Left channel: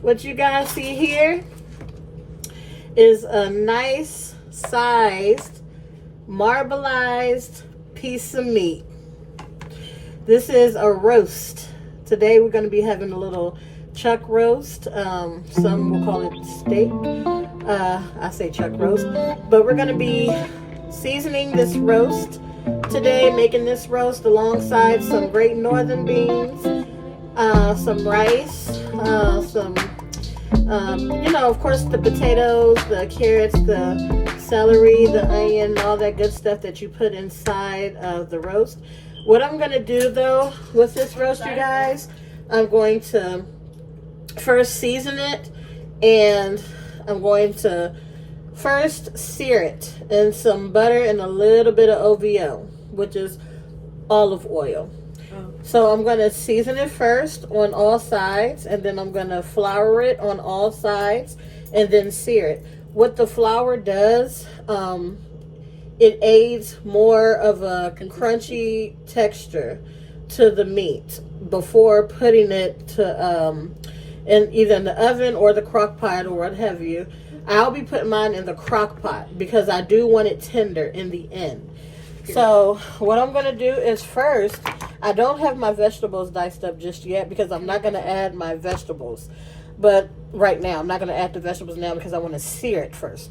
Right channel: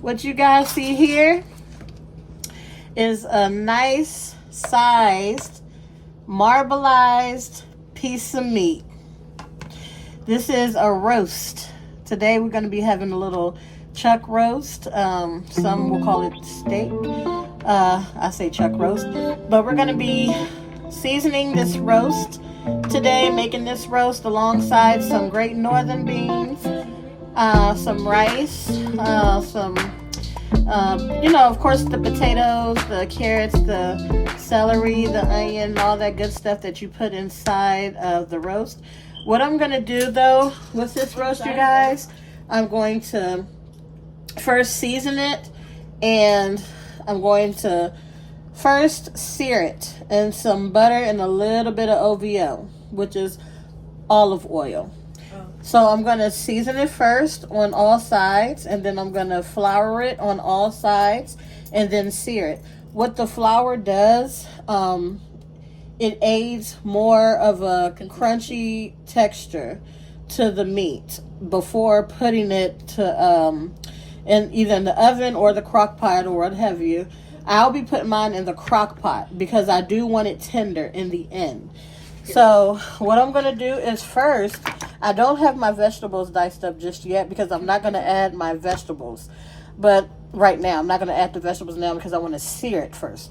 What you guys see here is a nice sized marbleized piece of meat. This is a roast. Today we're going to be having a little chuck roast. Some will call it steak. I say chuck roast. But we're going to be seasoning this roast today, making this roast alongside some Great Northern beans, some rice, some, of course, the potatoes, the carrots, the celery, the onion, all that good stuff that you put inside of the roast. What I'm going to do, though, with this roast, you guys, I'm going to first season it, and I'm going to first sear it in some butter and a little bit of OVO, which is olive oil. So I'm going to season it first on all sides, and then I'm going to flour it on all sides, and then sear it. What the flour does, it aids more of a crunchy texture to the meat before putting it to in either in the oven or the crock pot or what have you. I'll be putting mine in the crock pot because I do want it tender in the end. So what I'm going to do is first, I don't have my vegetables diced up just yet because I'm not going to add my vegetables. But right now, I'm not going to add the vegetables now because I want to sear it first.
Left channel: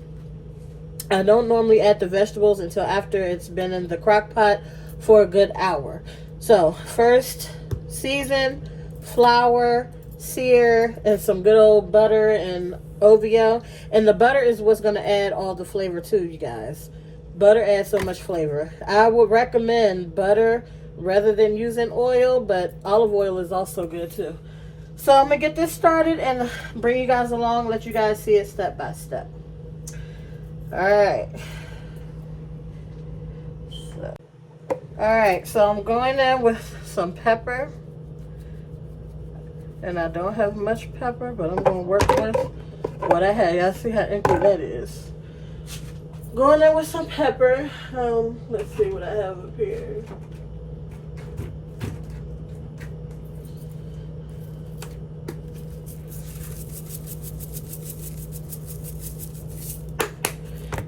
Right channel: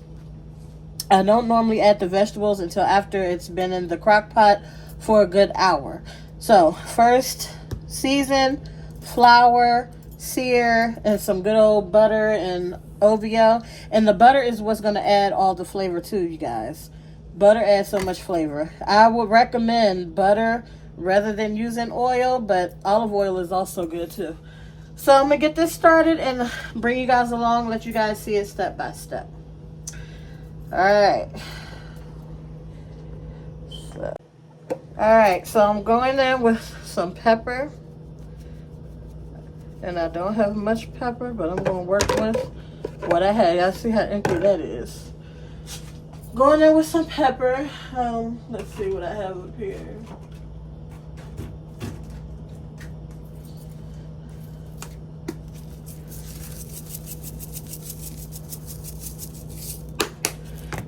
I don't normally add the vegetables until after it's been in the crock pot for a good hour. So first, season, flour, sear, and some good old butter and OVO. And the butter is what's going to add all the flavor too, you guys. Butter adds so much flavor. I would recommend butter rather than using oil, but olive oil is also good too. So I'm going to get this started and bring you guys along, let you guys see it step by step. Alright, so I'm going in with some pepper. And I don't have much pepper, but I'm going to work with what I have. Y'all see how empty that is. Going in with some pepper. Let's see what I have up here.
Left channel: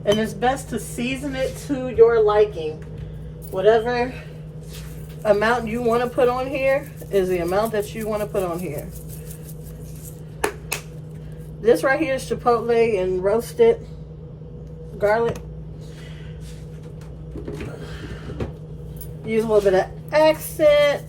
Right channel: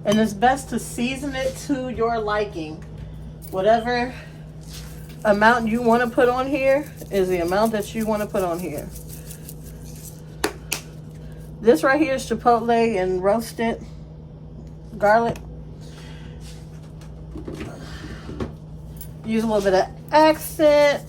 And it's best to season it to your liking. Whatever amount you want to put on here is the amount that you want to put on here. This right here is chipotle and roasted garlic. Use a little bit of accent.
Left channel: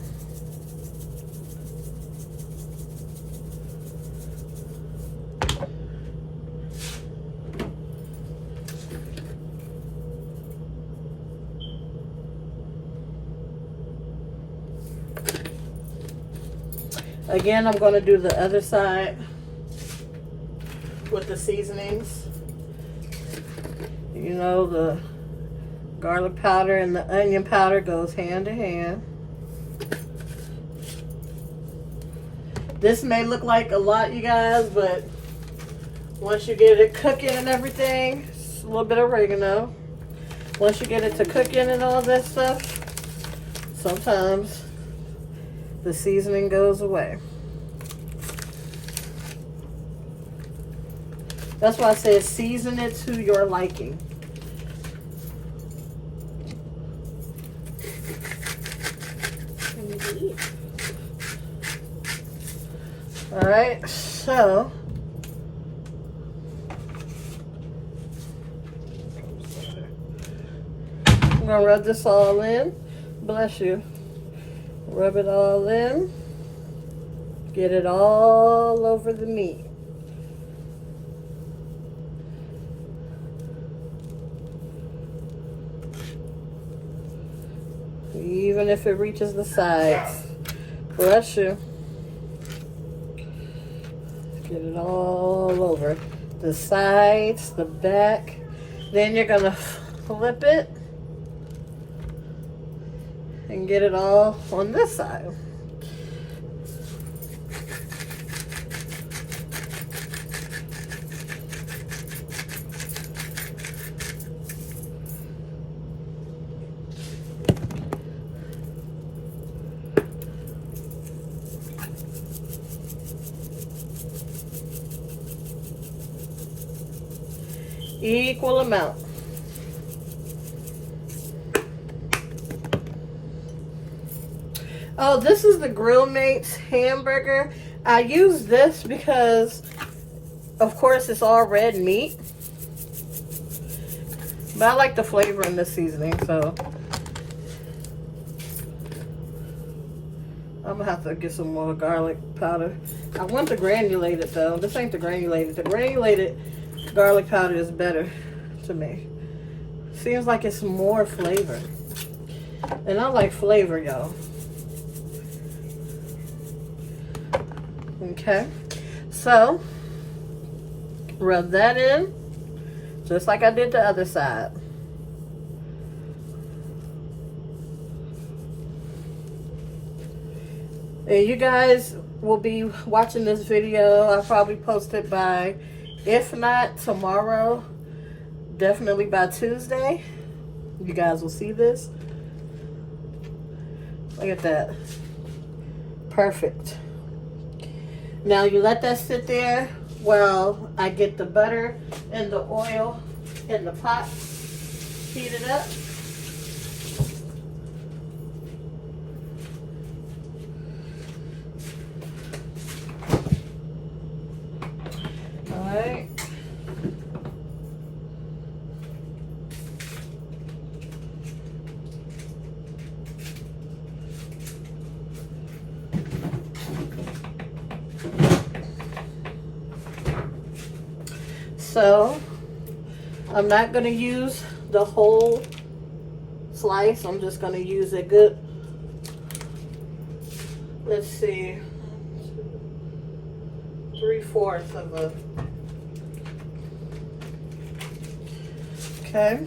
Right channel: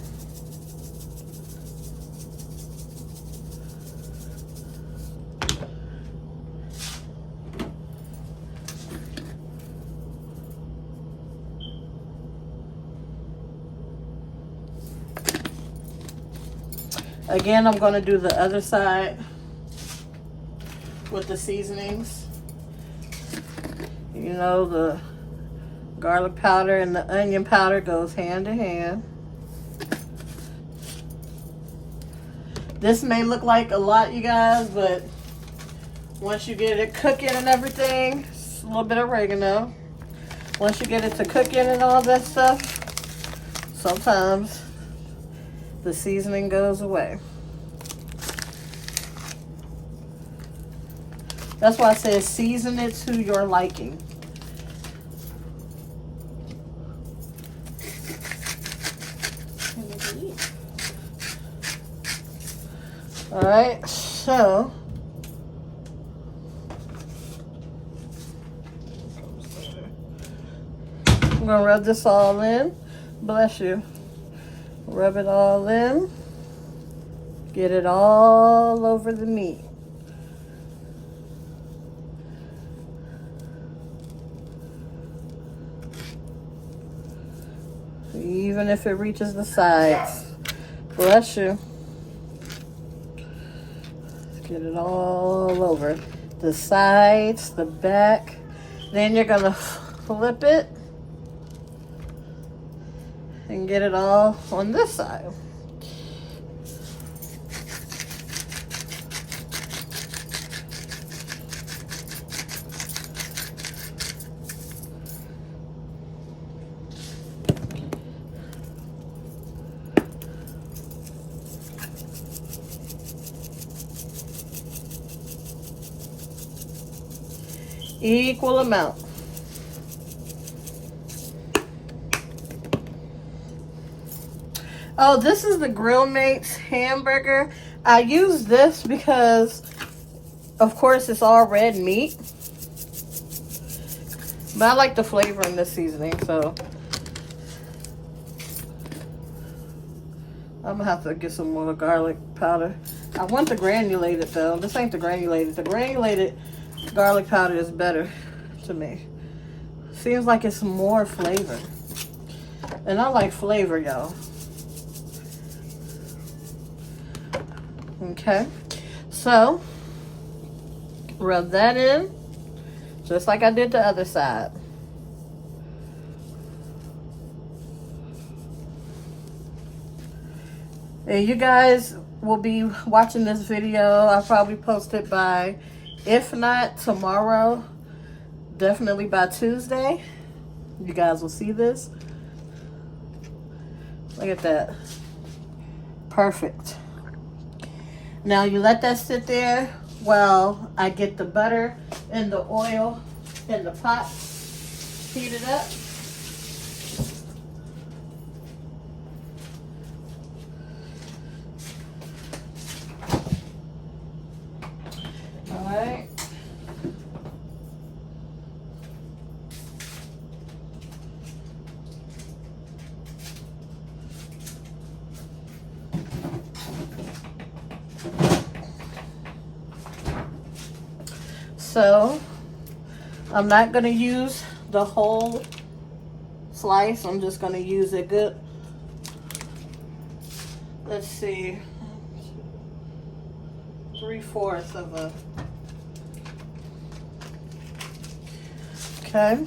Again, I'm going to do the other side with the seasonings. You know, the garlic powder and the onion powder goes hand in hand. This may look like a lot, you guys, but once you get it cooking and everything, a little bit of oregano. Once you get it to cooking and all that stuff, sometimes the seasoning goes away. That's why I say season it to your liking. Alright, so I'm gonna rub this all in. Bless you. Rub it all in. Get it all over the meat. Even if it reaches the sides. Bless you. Get it all over. The sides, the back. Then you're going to flip it and get it all on this side. Equal amount. Oh, this is the Grill Mates hamburger. I use this because, of course, it's all red meat. But I like the flavor in this seasoning, so I'm gonna have to get some more garlic powder. I want the granulated though. This ain't the granulated. The granulated garlic powder is better to me. Seems like it's more flavor. And I like flavor, y'all. Okay. So, rub that in. Just like I did the other side. And you guys will be watching this video. I'll probably post it by, if not tomorrow, definitely by Tuesday. You guys will see this. Look at that. Perfect. Now you let that sit there while I get the butter and the oil in the pot heated up. All right. So, I'm not going to use the whole slice. I'm just going to use a good, let's see, 3/4 of a, okay.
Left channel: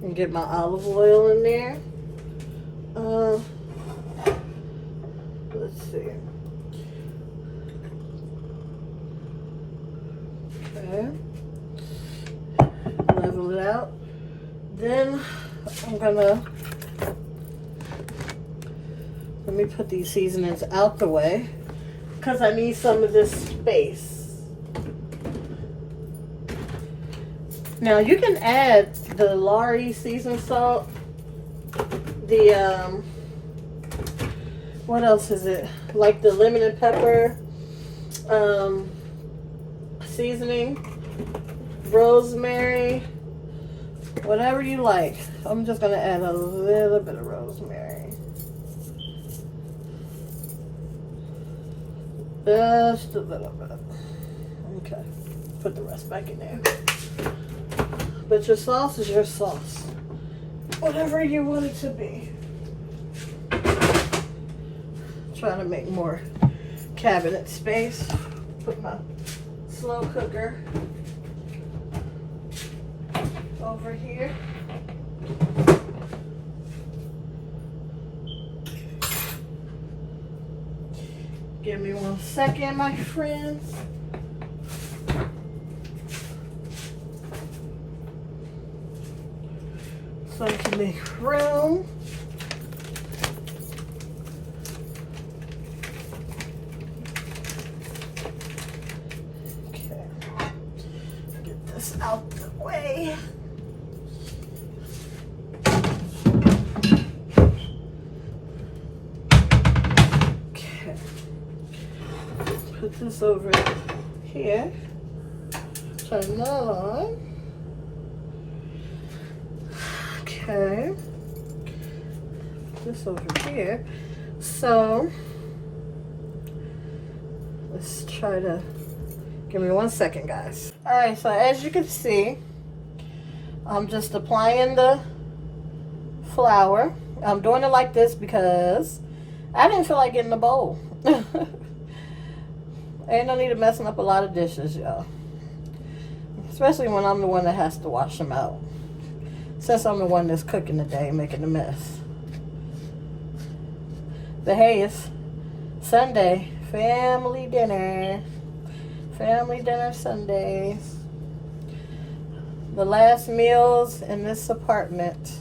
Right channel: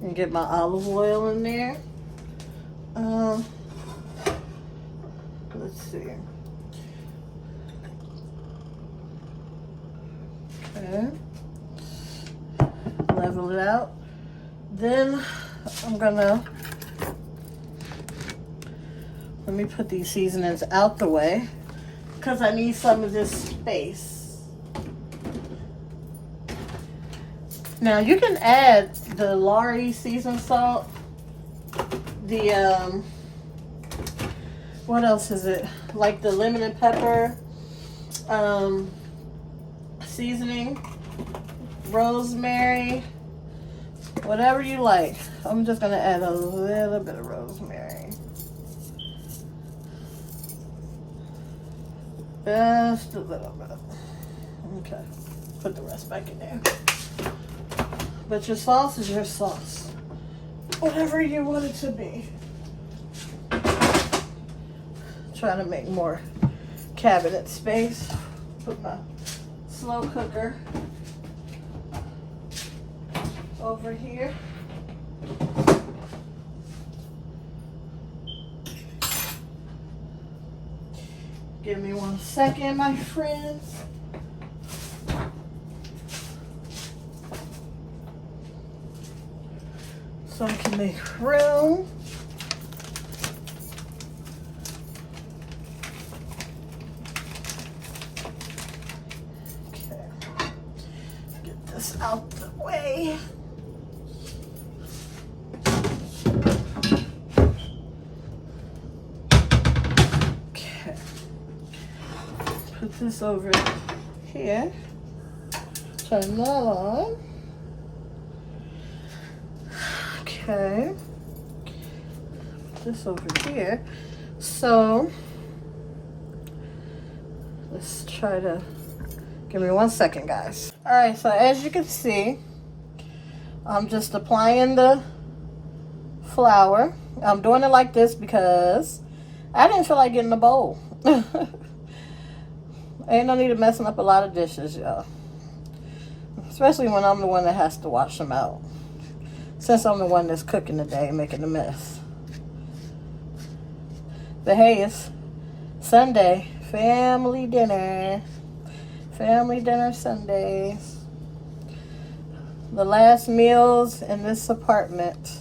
And get my olive oil in there. Let's see. Level it out. Then I'm gonna, let me put these seasonings out the way because I need some of this space. Now you can add the Lari seasoned salt, the what else is it, like the lemon and pepper seasoning, rosemary, whatever you like. I'm just gonna add a little bit of rosemary, just a little bit. Okay, put the rest back in there. But your sauce is your sauce, whatever you want it to be. Try to make more cabinet space. Put my slow cooker over here. Give me 1 second, my friends. So I can make room. Okay. Get this out the way. Okay. Put this over here. Turn that on. Okay, this over here. So let's try to, give me 1 second, guys. All right, so as you can see, I'm just applying the flour. I'm doing it like this because I didn't feel like getting a bowl. Ain't no need of messing up a lot of dishes, y'all. Especially when I'm the one that has to wash them out. Since I'm the one that's cooking today, making a mess. But hey, it's Sunday. Family dinner. Family dinner Sundays. The last meals in this apartment.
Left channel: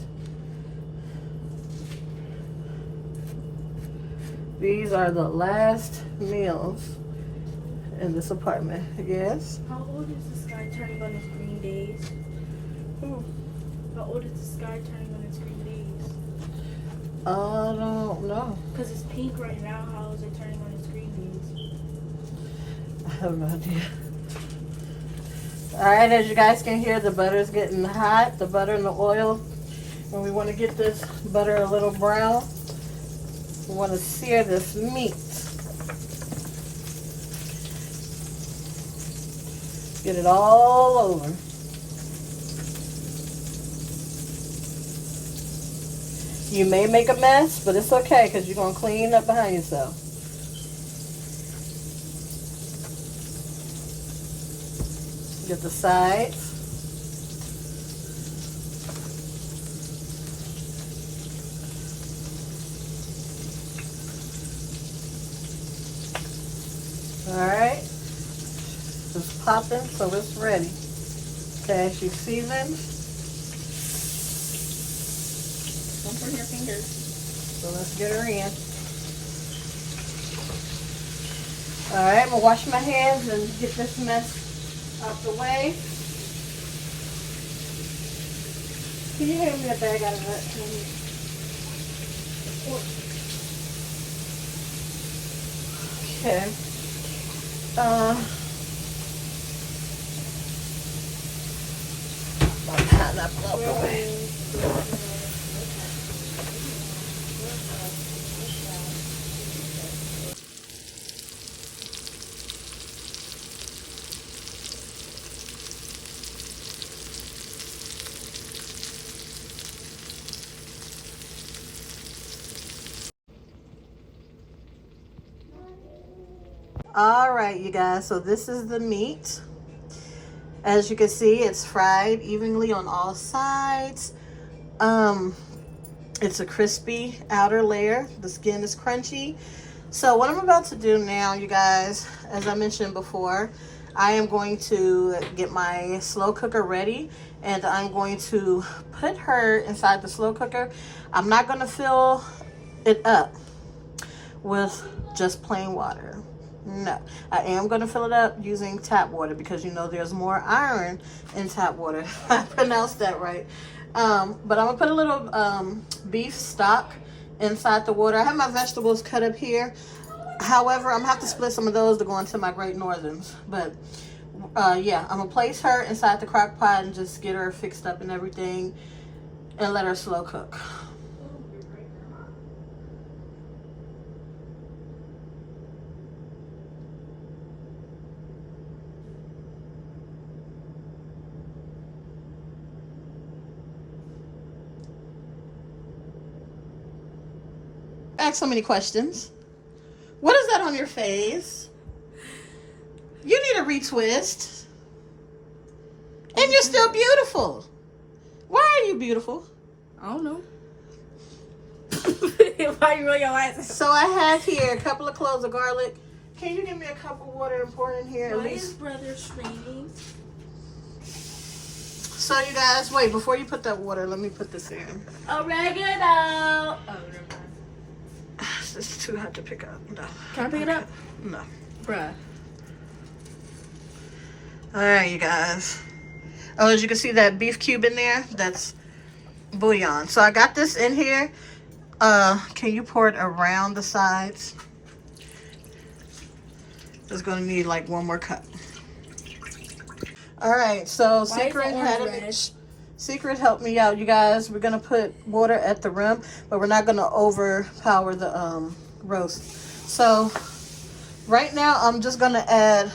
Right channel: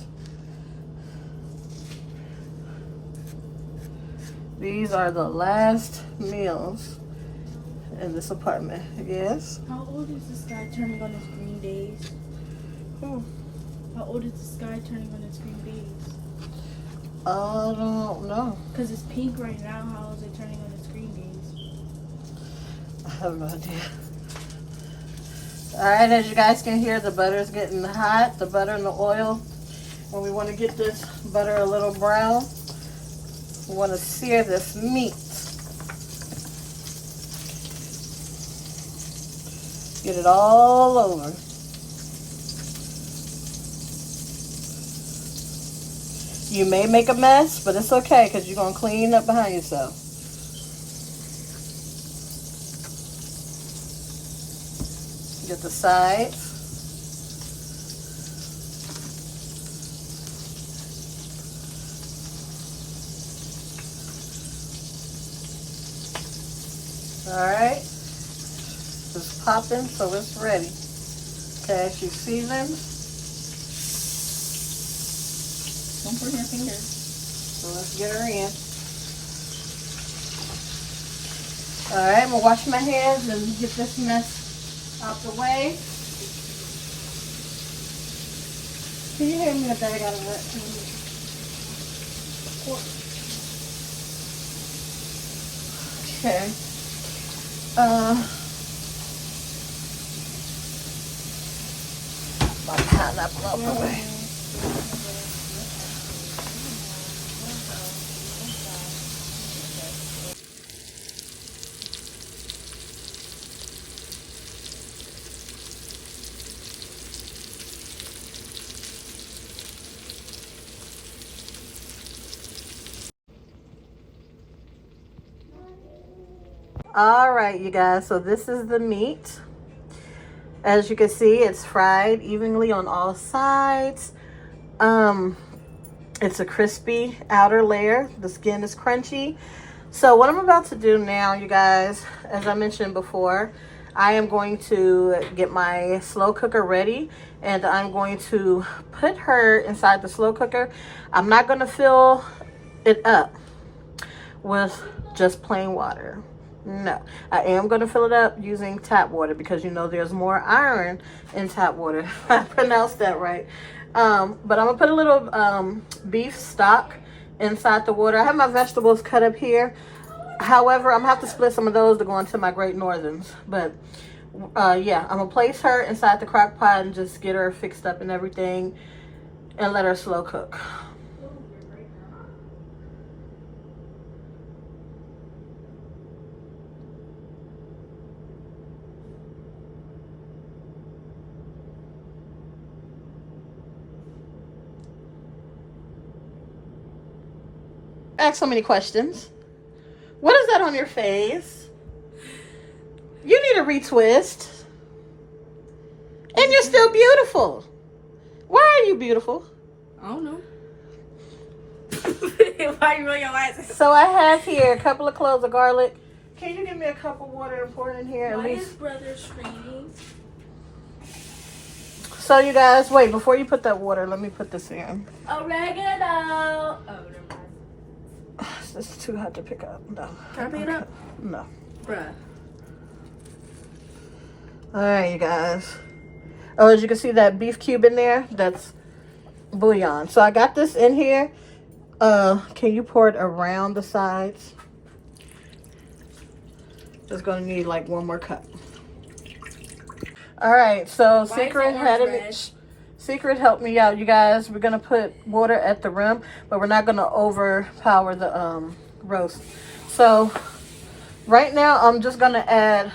These are the last meals in this apartment. Yes. How old is the sky turning on its green days? How old is the sky turning on its green days? I don't know. Because it's pink right now. How is it turning on its green days? I have no idea. Alright, as you guys can hear, the butter is getting hot. The butter and the oil. And we want to get this butter a little brown. We want to sear this meat. Get it all over. You may make a mess, but it's okay because you're going to clean up behind yourself. Get the sides. Alright. It's popping, so it's ready. Okay, she's seasoned. Don't put your fingers. So let's get her in. Alright, I'm going to wash my hands and get this mess out the way. Can you hand me a bag out of it? Okay. My pineapple off the way. All right, you guys, so this is the meat. As you can see, it's fried evenly on all sides. It's a crispy outer layer. The skin is crunchy. So what I'm about to do now, you guys, as I mentioned before, I am going to get my slow cooker ready, and I'm going to put her inside the slow cooker. I'm not going to fill it up with just plain water. No, I am going to fill it up using tap water because you know there's more iron in tap water. I pronounced that right. But I'm going to put a little beef stock inside the water. I have my vegetables cut up here. However, I'm going to have to split some of those to go into my Great Northerns. But yeah, I'm going to place her inside the crock pot and just get her fixed up and everything and let her slow cook. Ask so many questions. What is that on your face? You need a retwist. And you're still beautiful. Why are you beautiful? I don't know. Why you roll your eyes? So I have here a couple of cloves of garlic. Can you give me a cup of water and pour it in here at Why least? is brother screaming? So you guys, wait, before you put that water, let me put this in. Oregano. Oh, It's too hot to pick up. No. can I pick it up? No. Bruh. All right, you guys. Oh, as you can see that beef cube in there, that's bouillon. So I got this in here. Can you pour it around the sides? Just gonna need like one more cup. All right, so Secret helped me out, you guys. We're gonna put water at the rim, but we're not gonna overpower the roast. So right now I'm just gonna add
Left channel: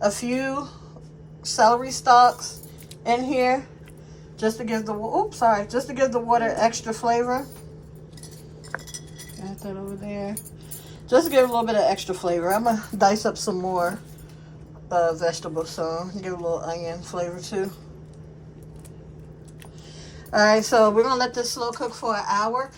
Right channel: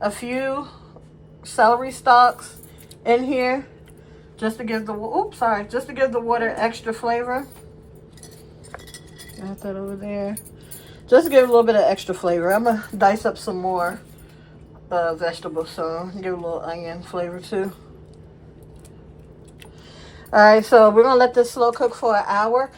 a few celery stalks in here just to give the just to give the water extra flavor. Got that over there. Just to give a little bit of extra flavor. I'm gonna dice up some more vegetables, so give a little onion flavor too. All right, so we're gonna let this slow cook for an hour.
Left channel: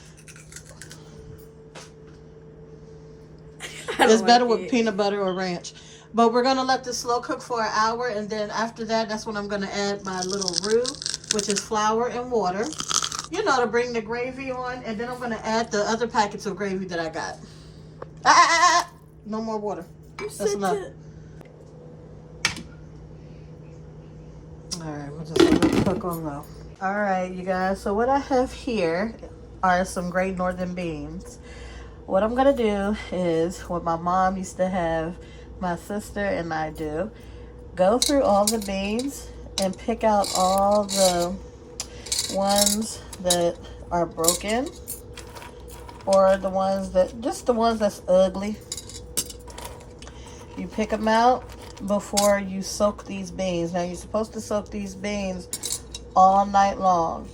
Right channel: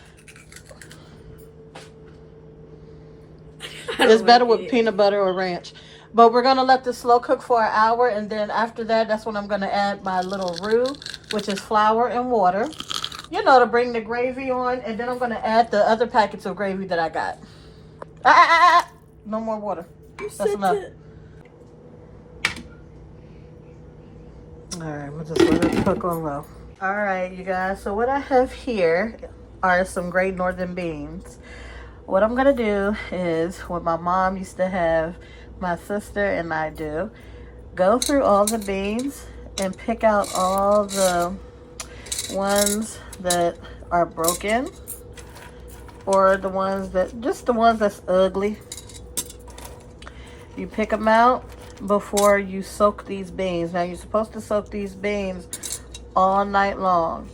It's better with peanut butter or ranch. But we're gonna let this slow cook for an hour, and then after that, that's when I'm gonna add my little roux, which is flour and water, you know, to bring the gravy on. And then I'm gonna add the other packets of gravy that I got. No more water. That's enough. All right, I'm just let it cook on low. All right, you guys. So what I have here are some Great Northern beans. What I'm gonna do is what my mom used to have my sister and I do. Go through all the beans and pick out all the ones that are broken or the ones that, just the ones that's ugly. You pick them out before you soak these beans. Now you're supposed to soak these beans all night long.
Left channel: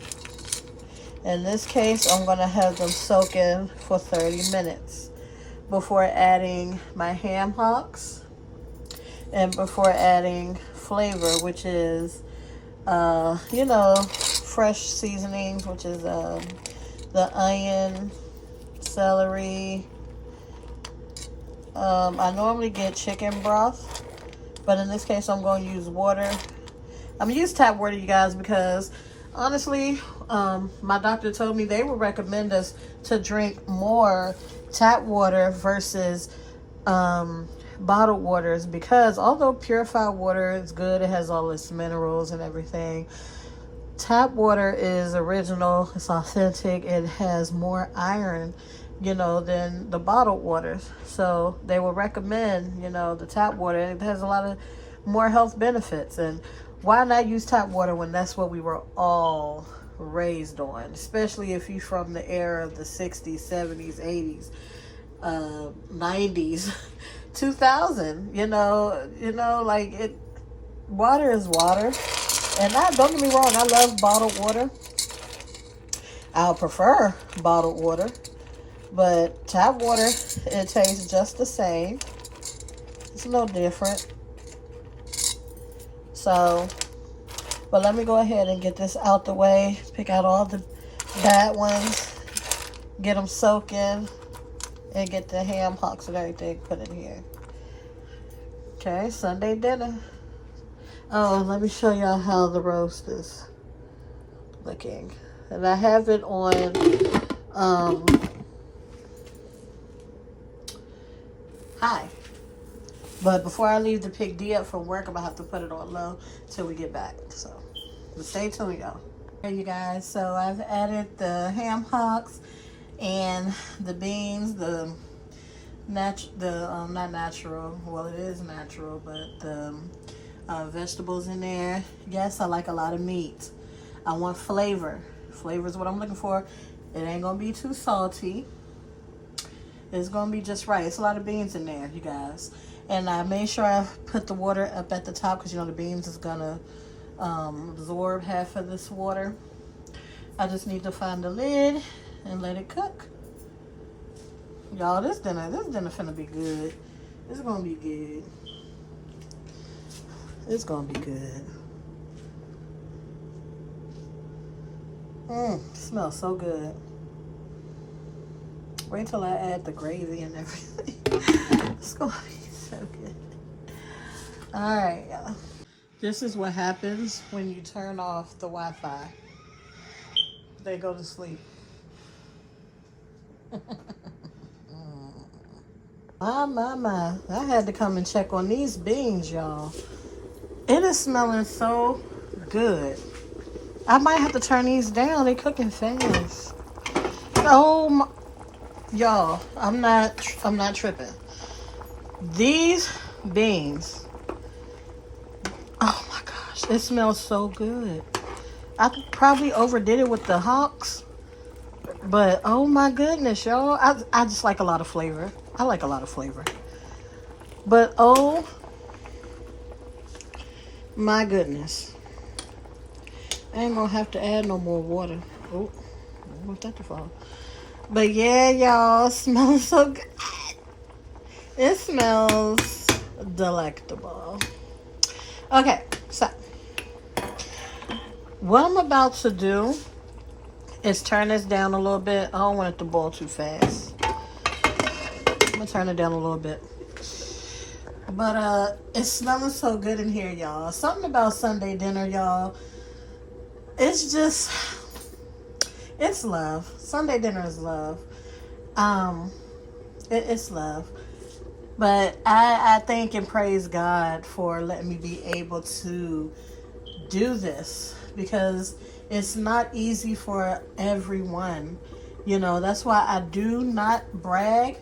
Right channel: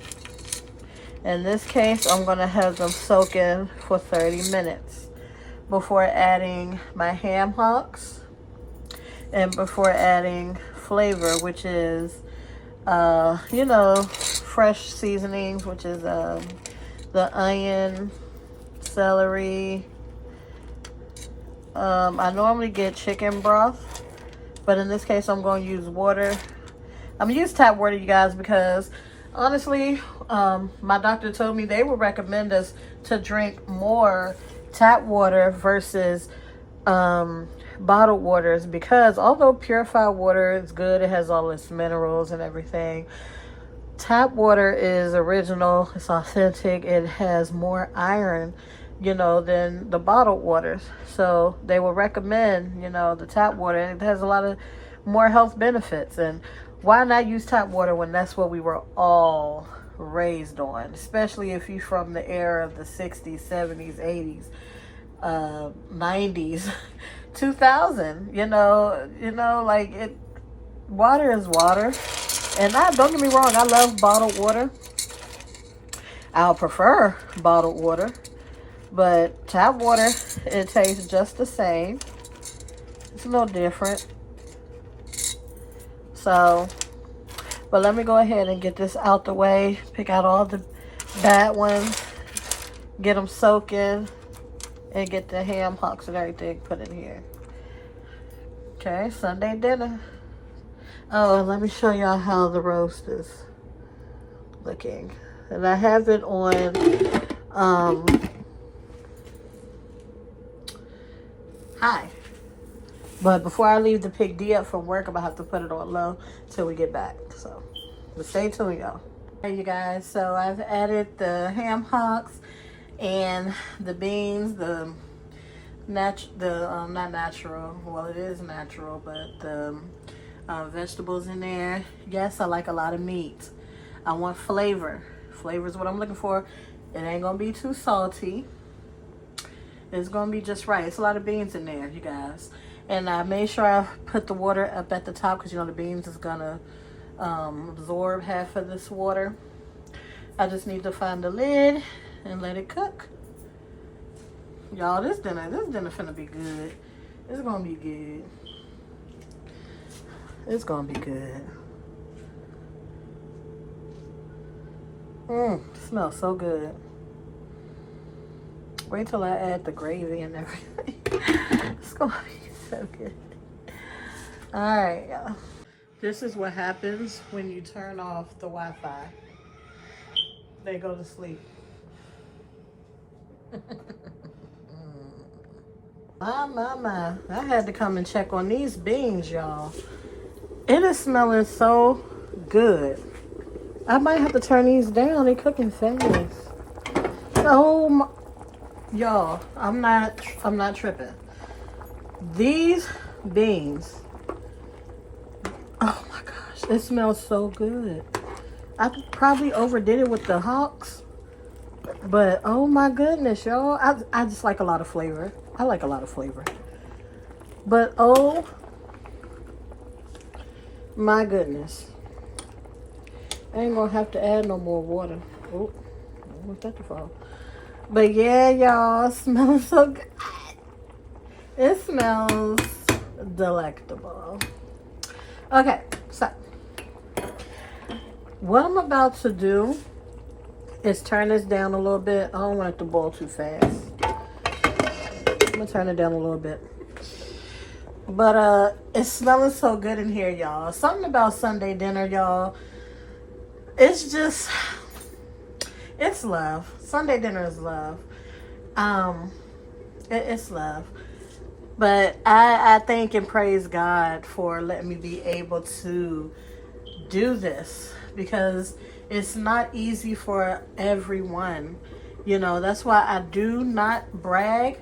In this case, I'm gonna have them soaking for 30 minutes before adding my ham hocks and before adding flavor, which is, you know, fresh seasonings, which is the onion, celery. I normally get chicken broth, but in this case, I'm going to use water. I'm going to use tap water, you guys, because honestly, my doctor told me they would recommend us to drink more tap water versus bottled waters, because although purified water is good, it has all its minerals and everything, tap water is original, it's authentic, it has more iron, you know, than the bottled waters. So they will recommend, you know, the tap water. It has a lot of more health benefits. And why not use tap water when that's what we were all raised on, especially if you're from the era of the 60s, 70s, 80s, 90s, 2000, you know, like it, water is water. And don't get me wrong, I love bottled water. I'll prefer bottled water, but tap water, it tastes just the same. It's no different. So, but let me go ahead and get this out the way. Pick out all the bad ones, get them soaking, and get the ham hocks and everything put in here. Okay, Sunday dinner. Oh, and let me show y'all how the roast is looking. And I have it on high. But before I leave to pick D up from work, I'm gonna have to put it on low till we get back. So, but stay tuned, y'all. Hey, you guys. So I've added the ham hocks and the beans, not natural. Well, it is natural, but the vegetables in there. Yes, I like a lot of meat. I want flavor. Flavor is what I'm looking for. It ain't gonna be too salty. It's gonna be just right. It's a lot of beans in there, you guys. And I made sure I put the water up at the top because, you know, the beans is gonna absorb half of this water. I just need to find the lid and let it cook. Y'all, this dinner finna be good. It's gonna be good. It's gonna be good. Smells so good. Wait till I add the gravy and everything. It's gonna be so good. All right, y'all. This is what happens when you turn off the Wi-Fi. They go to sleep. My. I had to come and check on these beans, y'all. It is smelling so good. I might have to turn these down. They're cooking fast. Oh my, y'all, I'm not tripping. These beans, oh my gosh, it smells so good. I probably overdid it with the hocks, but oh my goodness, y'all, I just like a lot of flavor. I like a lot of flavor. But oh my goodness. I ain't gonna have to add no more water. Oh, I don't want that to fall. But yeah, y'all, smelling so good. It smells delectable. Okay, so what I'm about to do is turn this down a little bit. I don't want it to boil too fast. I'm gonna turn it down a little bit. But it's smelling so good in here, y'all. Something about Sunday dinner, y'all. It's just, it's love. Sunday dinner is love. It's love. But I thank and praise God for letting me be able to do this because it's not easy for everyone. You know, that's why I do not brag.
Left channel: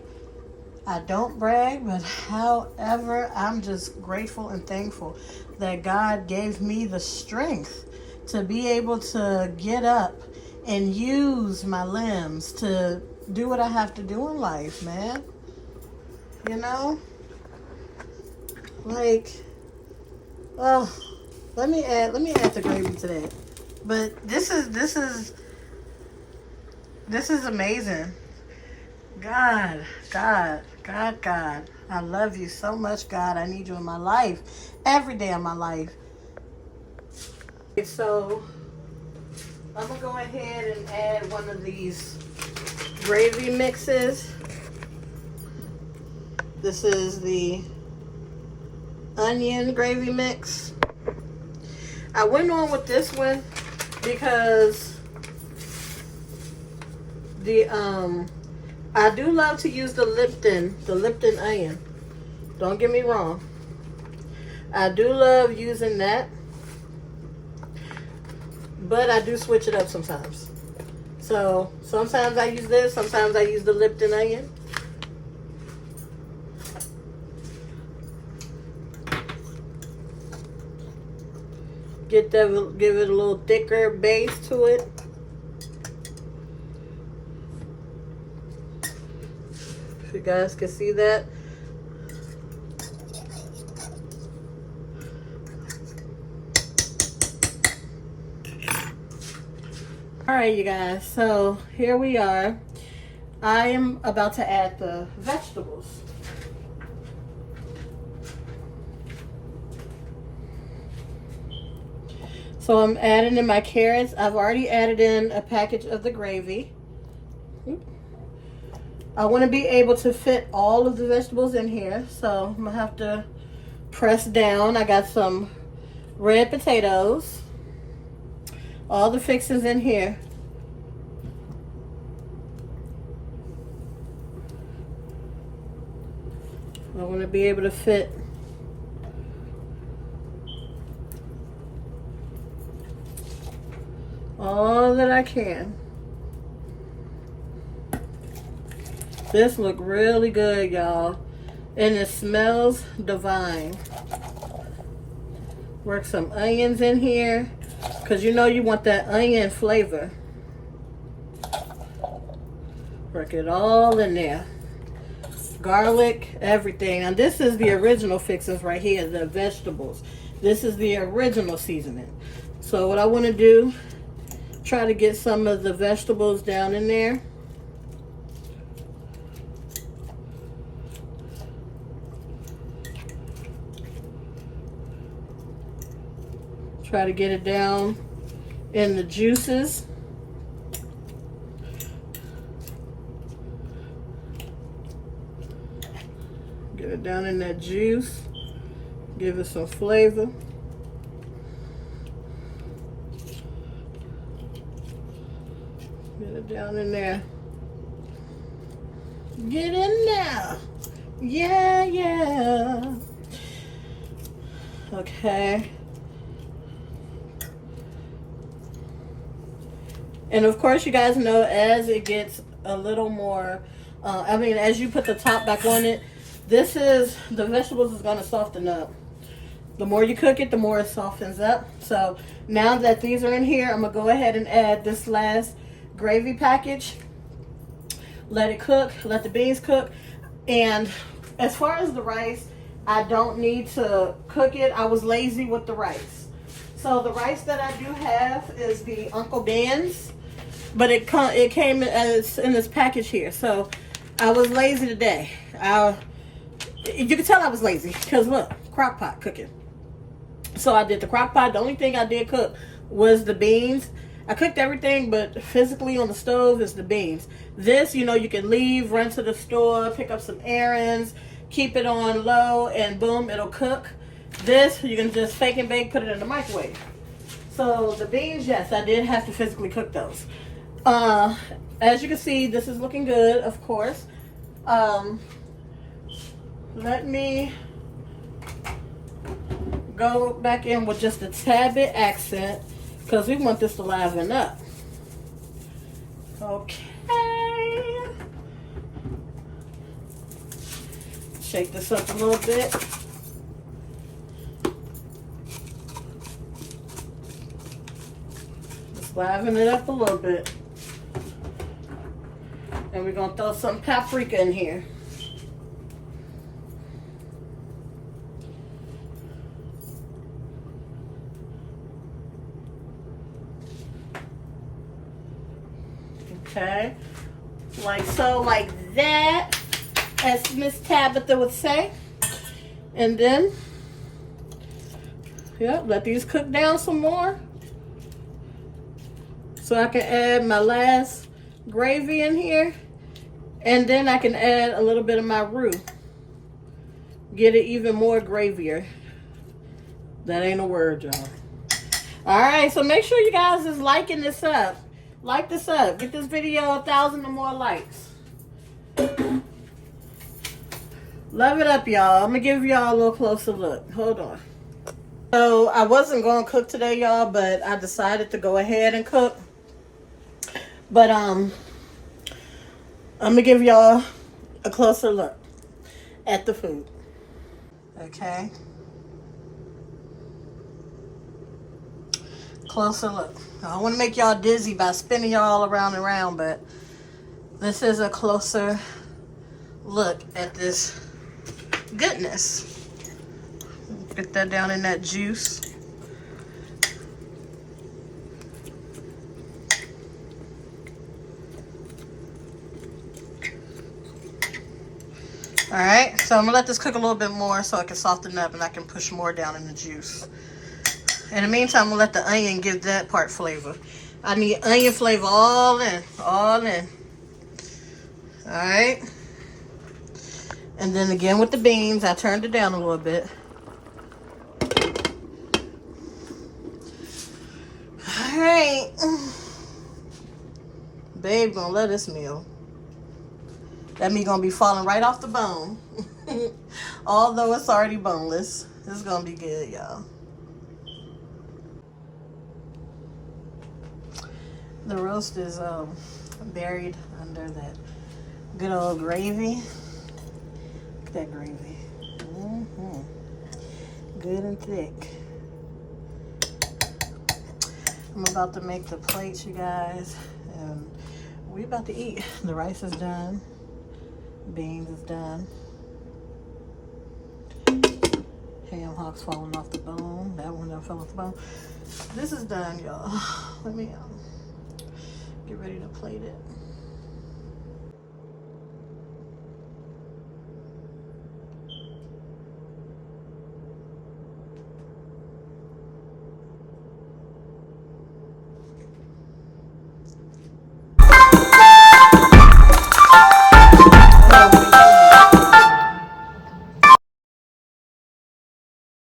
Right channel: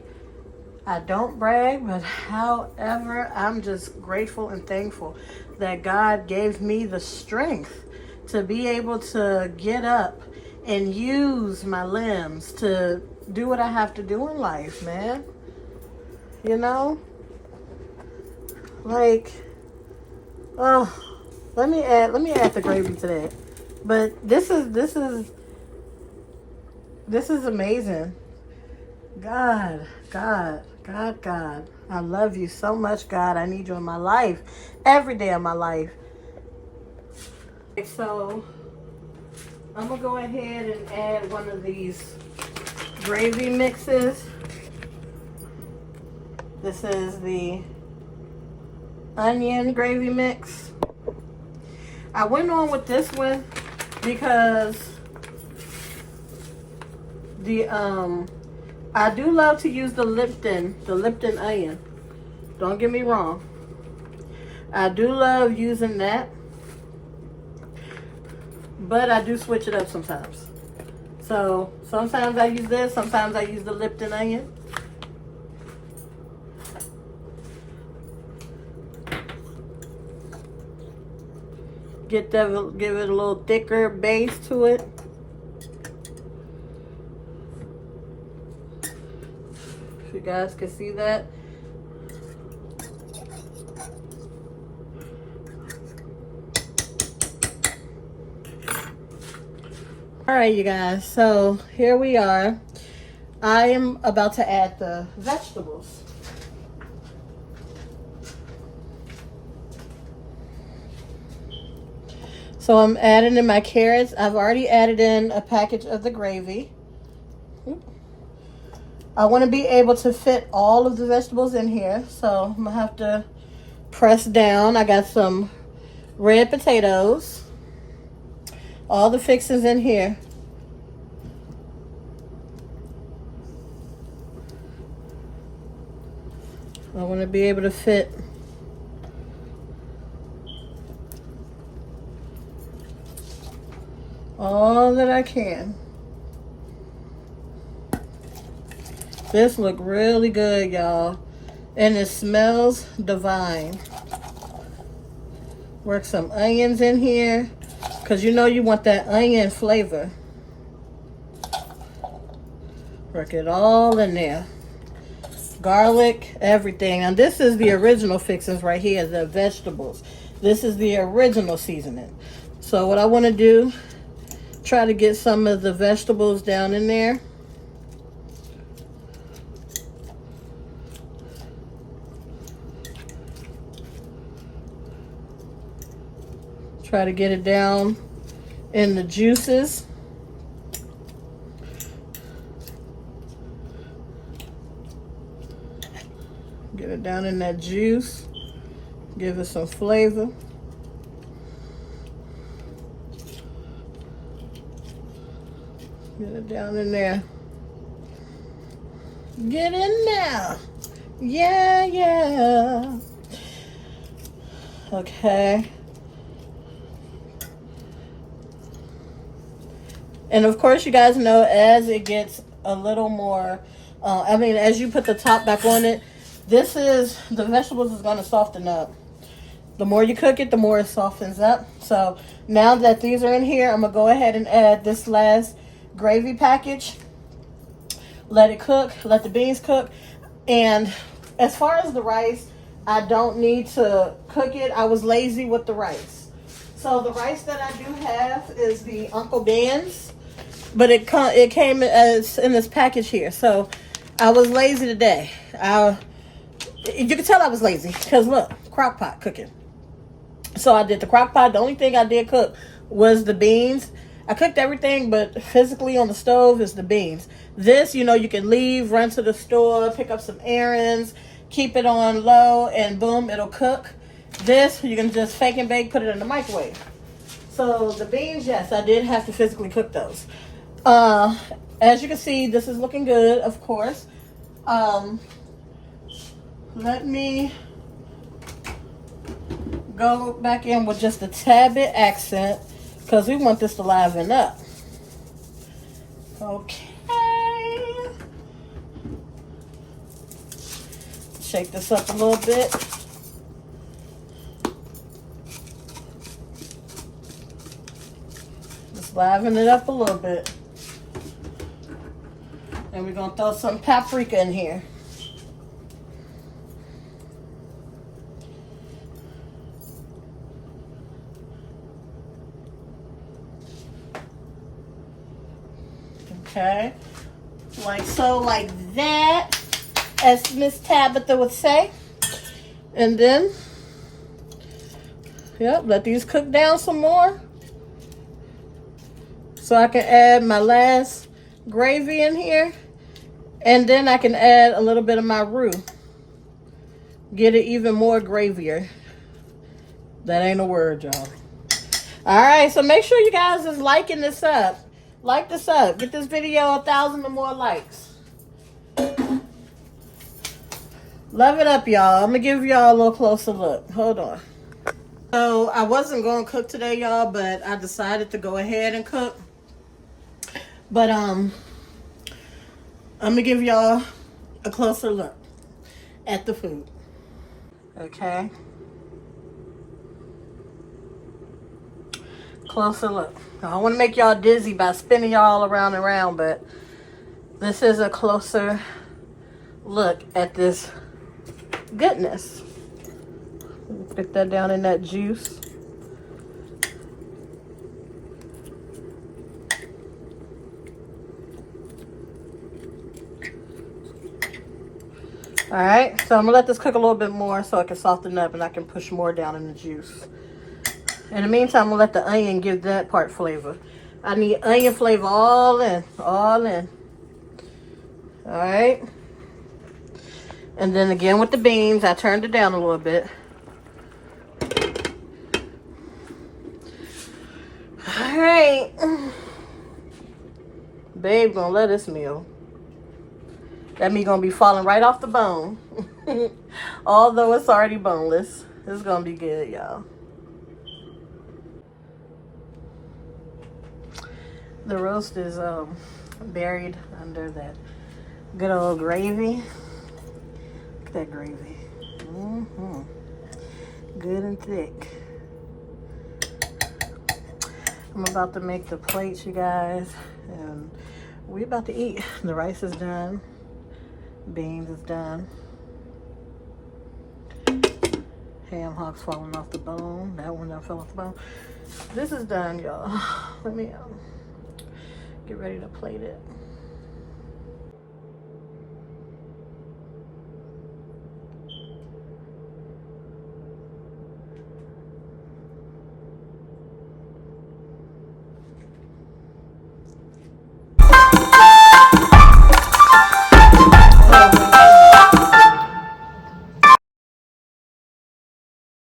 I don't brag, but however, I'm just grateful and thankful that God gave me the strength to be able to get up and use my limbs to do what I have to do in life, man. You know? Like, oh, let me add the gravy to that. But this is amazing. God. I love you so much, God. I need you in my life. Every day of my life. So, I'm going to go ahead and add one of these gravy mixes. This is the onion gravy mix. I went on with this one because I do love to use the Lipton onion. Don't get me wrong. I do love using that, but I do switch it up sometimes. So sometimes I use this, sometimes I use the Lipton onion. Give it a little thicker base to it. If you guys can see that. All right, you guys, so here we are. I am about to add the vegetables. So I'm adding in my carrots. I've already added in a package of the gravy. I want to be able to fit all of the vegetables in here, so I'm gonna have to press down. I got some red potatoes. All the fixings in here. I want to be able to fit all that I can. This look really good, y'all, and it smells divine. Work some onions in here, because you know you want that onion flavor. Work it all in there. Garlic, everything. And this is the original fixings right here, the vegetables. This is the original seasoning. So what I want to do, try to get some of the vegetables down in there. Try to get it down in the juices. Get it down in that juice. Give it some flavor. Get it down in there. Get in there. Yeah, yeah. Okay. And of course, you guys know, as it gets a little more, as you put the top back on it, the vegetables is going to soften up. The more you cook it, the more it softens up. So now that these are in here, I'm going to go ahead and add this last gravy package. Let it cook, let the beans cook. And as far as the rice, I don't need to cook it. I was lazy with the rice. So the rice that I do have is the Uncle Dan's, but it came as in this package here. So I was lazy today. You can tell I was lazy because look, crock pot cooking. So I did the crock pot. The only thing I did cook was the beans. I cooked everything, but physically on the stove is the beans. This, you know, you can leave, run to the store, pick up some errands, keep it on low, and boom, it'll cook. This, you can just fake and bake, put it in the microwave. So the beans, yes, I did have to physically cook those. As you can see, this is looking good, of course. Let me go back in with just a tad bit accent because we want this to liven up. Okay. Shake this up a little bit. Just liven it up a little bit. And we're going to throw some paprika in here. Okay, like so, like that, as Miss Tabitha would say. And then, yep, let these cook down some more. So I can add my last gravy in here. And then I can add a little bit of my roux. Get it even more gravier. That ain't a word, y'all. All right, so make sure you guys is liking this up. Like this up. Get this video 1,000 or more likes. Love it up, y'all. I'm going to give y'all a little closer look. Hold on. So, I wasn't going to cook today, y'all, but I decided to go ahead and cook. But, I'm going to give y'all a closer look at the food. Okay. Closer look. I don't want to make y'all dizzy by spinning y'all around and around, but this is a closer look at this goodness. Get that down in that juice. All right, so I'm gonna let this cook a little bit more so it can soften up and I can push more down in the juice. In the meantime, I'm gonna let the onion give that part flavor. I need onion flavor all in, all in. All right. And then again with the beans, I turned it down a little bit. All right. Babe gonna love this meal. That meat gonna be falling right off the bone. Although it's already boneless. It's gonna be good, y'all. The roast is buried under that good old gravy. Look at that gravy. Good and thick. I'm about to make the plates, you guys, and we're about to eat. The rice is done. Beans is done. Ham hocks falling off the bone. That one that fell off the bone. This is done, y'all. Let me get ready to plate it.